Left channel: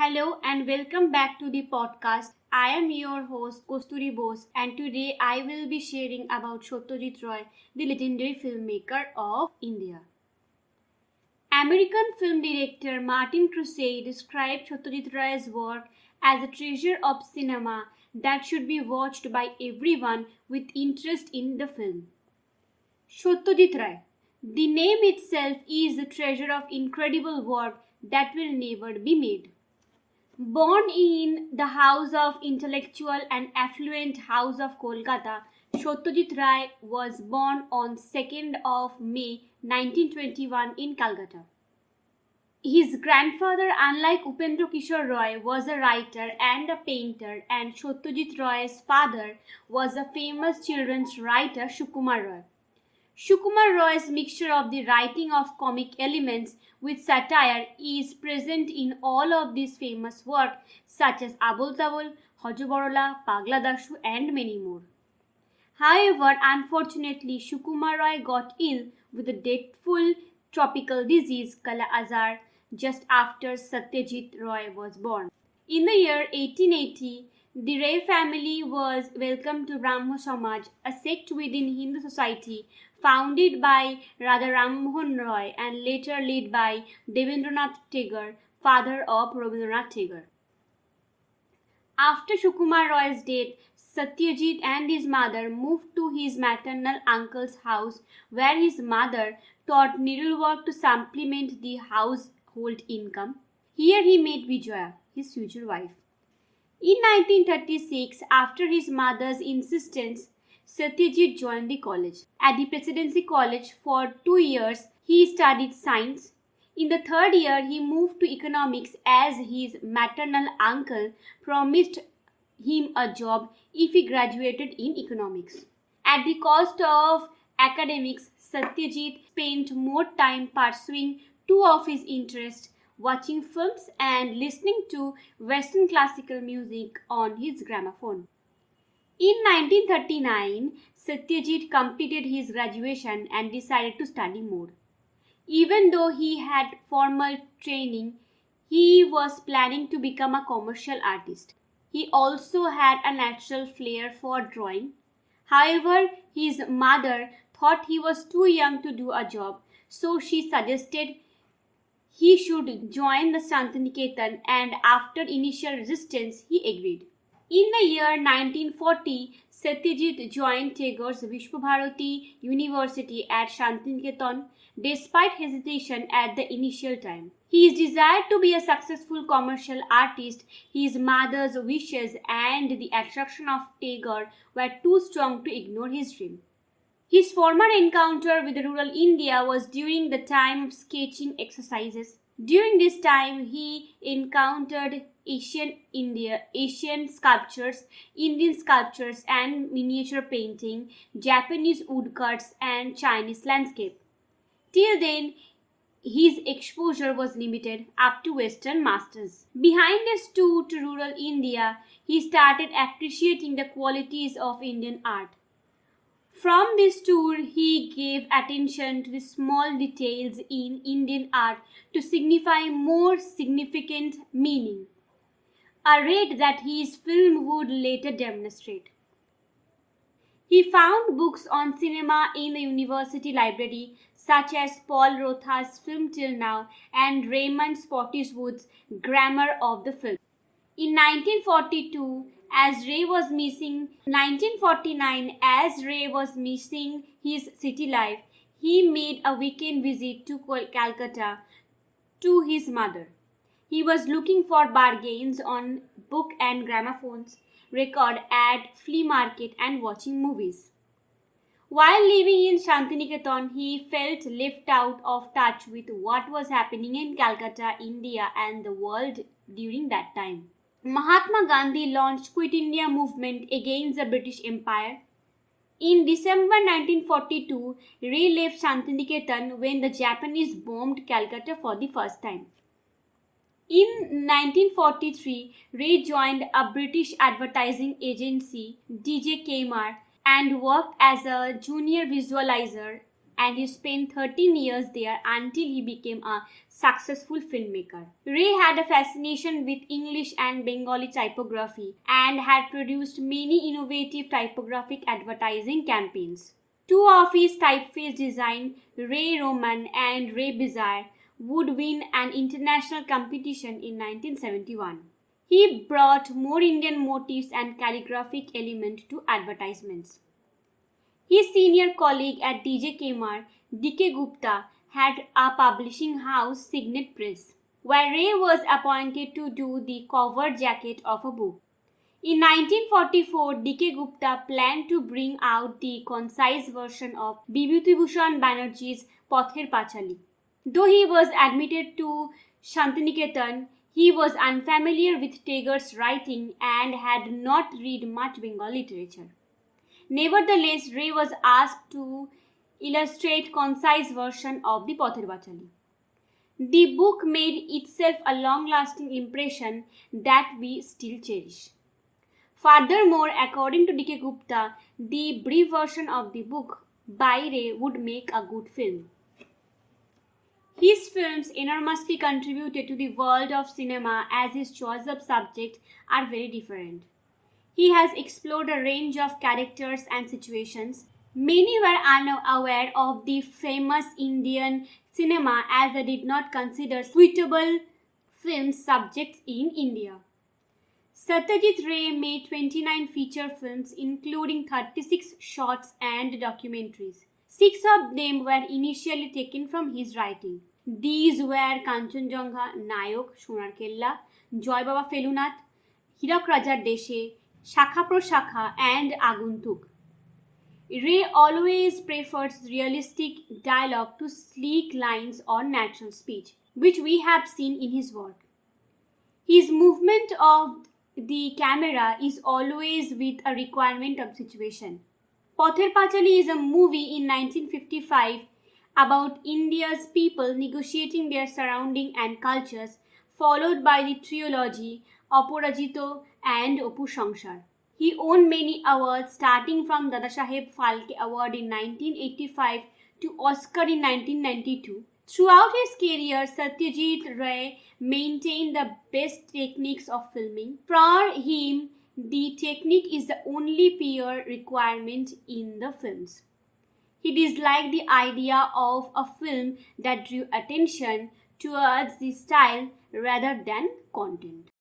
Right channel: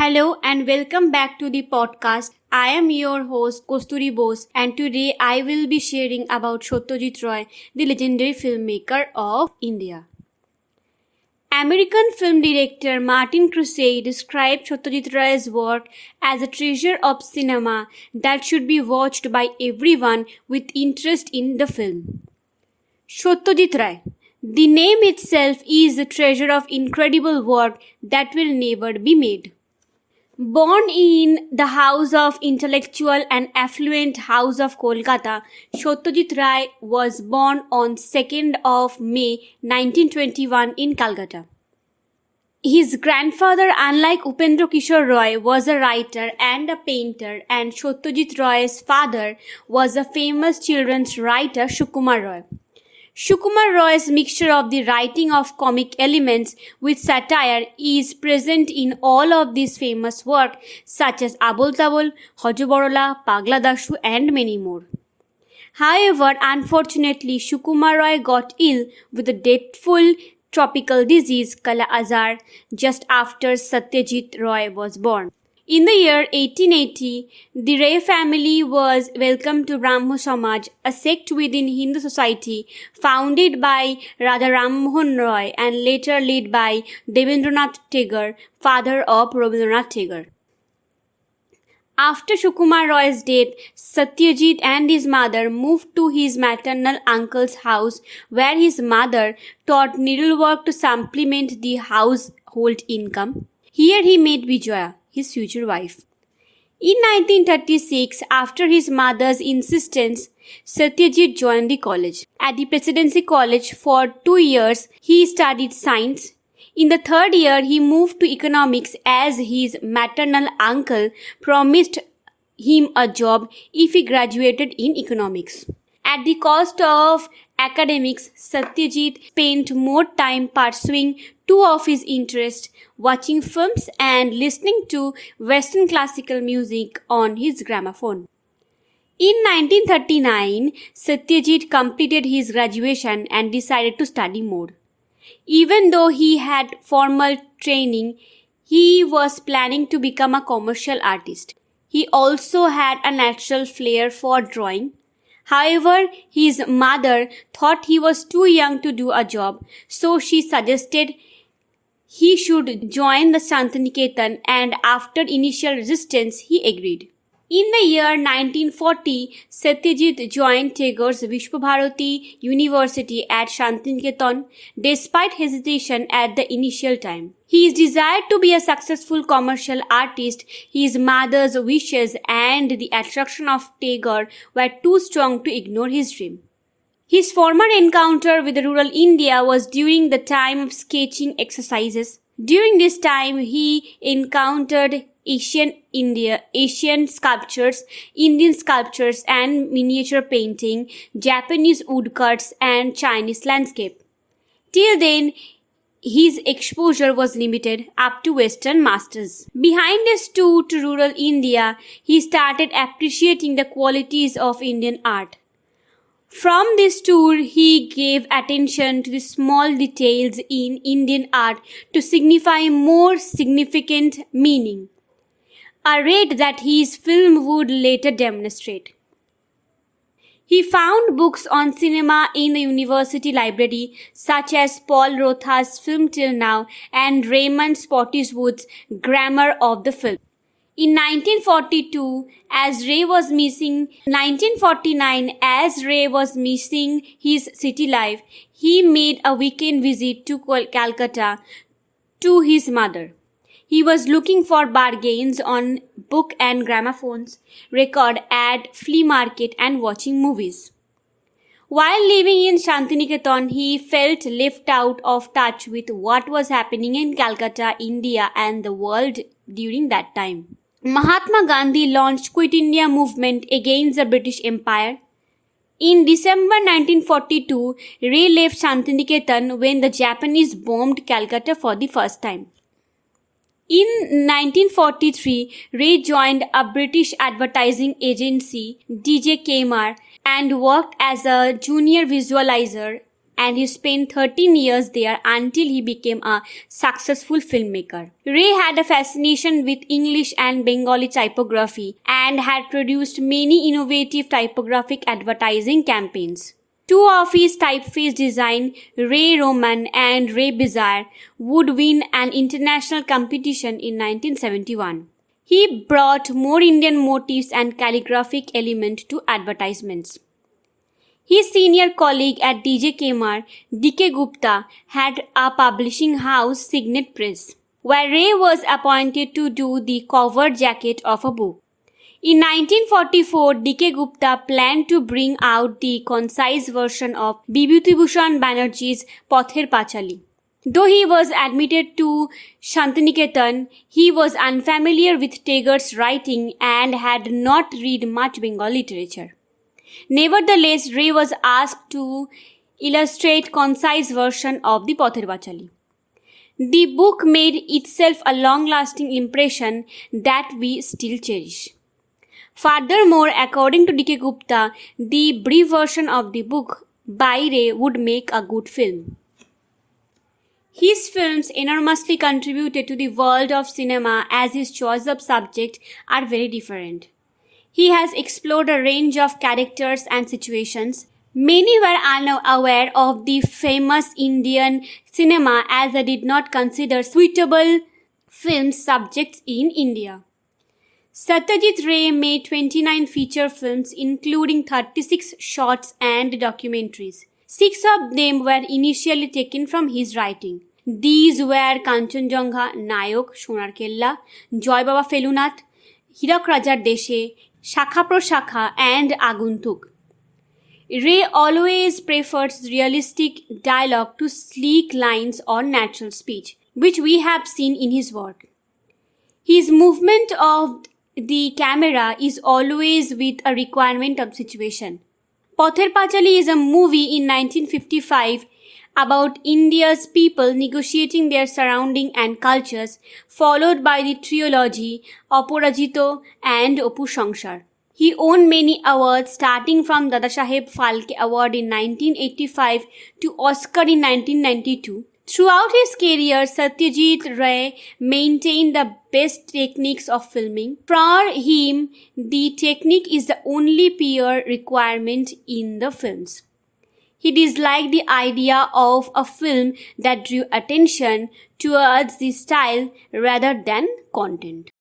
Hello and welcome back to the podcast. I am your host Kasturi Bose and today I will be sharing about Satyajit Ray, the legendary filmmaker of India. American film director Martin Crusade described Satyajit Ray's work as a treasure of cinema that should be watched by everyone with interest in the film. Satyajit Ray. The name itself is a treasure of incredible work that will never be made. Born in the house of intellectual and affluent house of Kolkata, Satyajit Ray was born on 2nd of May 1921 in Calcutta. His grandfather, unlike Upendra Kishore Roy, was a writer and a painter, and Satyajit Ray's father was a famous children's writer, Sukumar Roy. Sukumar Roy's mixture of the writing of comic elements with satire is present in all of these famous works such as Abol Tabol, Hojo Borola, Pagla Dashu and many more. However, unfortunately, Sukumar Roy got ill with a deathful tropical disease Kala Azar just after Satyajit Ray was born. In the year 1880, the Ray family was welcomed to Brahmo Samaj, a sect within Hindu society founded by Radha Ram Mohan Roy and later led by Devendranath Tagore, father of Rabindranath Tagore. After Sukumar Roy's death, Satyajit and his mother moved to his maternal uncle's house where his mother taught needlework to supplement the household income. Here he met Vijaya, his future wife. In 1936, after his mother's insistence, Satyajit joined the college. At the Presidency College for 2 years, he studied science. In the third year, he moved to economics as his maternal uncle promised him a job if he graduated in economics. At the cost of academics, Satyajit spent more time pursuing two of his interests, watching films and listening to Western classical music on his gramophone. In 1939, Satyajit completed his graduation and decided to study more. Even though he had formal training, he was planning to become a commercial artist. He also had a natural flair for drawing. However, his mother thought he was too young to do a job, so she suggested he should join the Shantiniketan, and after initial resistance, he agreed. In the year 1940, Satyajit joined Tagore's Vishwabharati University at Shantiniketan despite hesitation at the initial time. His desire to be a successful commercial artist, his mother's wishes, and the attraction of Tagore were too strong to ignore his dream. His former encounter with rural India was during the time of sketching exercises. During this time, he encountered Asian sculptures, Indian sculptures and miniature painting, Japanese woodcuts and Chinese landscape. Till then, his exposure was limited up to Western masters. Behind his tour to rural India, he started appreciating the qualities of Indian art. From this tour, he gave attention to the small details in Indian art to signify more significant meaning, a rate that his film would later demonstrate. He found books on cinema in the university library, such as Paul Rotha's Film Till Now and Raymond Spottiswood's Grammar of the Film. In 1949, as Ray was missing his city life, he made a weekend visit to Calcutta to his mother. He was looking for bargains on book and gramophones, record at flea market and watching movies. While living in Shantiniketan, he felt left out of touch with what was happening in Calcutta, India and the world during that time. Mahatma Gandhi launched Quit India movement against the British Empire. In December 1942, Ray left Shantiniketan when the Japanese bombed Calcutta for the first time. In 1943, Ray joined a British advertising agency, DJ Kmart, and worked as a junior visualizer and he spent 13 years there until he became a successful filmmaker. Ray had a fascination with English and Bengali typography and had produced many innovative typographic advertising campaigns. Two of his typeface designs, Ray Roman and Ray Bizarre, would win an international competition in 1971. He brought more Indian motifs and calligraphic element to advertisements. His senior colleague at DJ Kmart, D.K. Gupta, had a publishing house, Signet Press, where Ray was appointed to do the cover jacket of a book. In 1944, D.K. Gupta planned to bring out the concise version of Bibhuti Bhushan Banerjee's Pather Pachali. Though he was admitted to Shantiniketan, he was unfamiliar with Tagore's writing and had not read much Bengali literature. Nevertheless, Ray was asked to illustrate concise version of the Pather Pachali. The book made itself a long-lasting impression that we still cherish. Furthermore, according to D.K. Gupta, the brief version of the book by Ray would make a good film. His films enormously contributed to the world of cinema as his choice of subject are very different. He has explored a range of characters and situations. Many were unaware of the famous Indian cinema as they did not consider suitable film subjects in India. Satyajit Ray made 29 feature films including 36 shorts and documentaries. 6 of them were initially taken from his writing. These were Kanchanjunga, Nayok, Sonar Kella, Joy Baba Felunath, Hirak Rajar Deshe, Shakha Proshakha and Aguntuk. Ray always prefers realistic dialogue to sleek lines or natural speech, which we have seen in his work. His movement of the camera is always with a requirement of situation. Pather Pachali is a movie in 1955 about India's people negotiating their surrounding and cultures, followed by the trilogy Aparajito and Opu Sangsar. He won many awards starting from Dadasaheb Phalke Award in 1985 to Oscar in 1992. Throughout his career, Satyajit Ray maintained the best techniques of filming. For him, the technique is the only pure requirement in the films. He disliked the idea of a film that drew attention towards the style rather than content.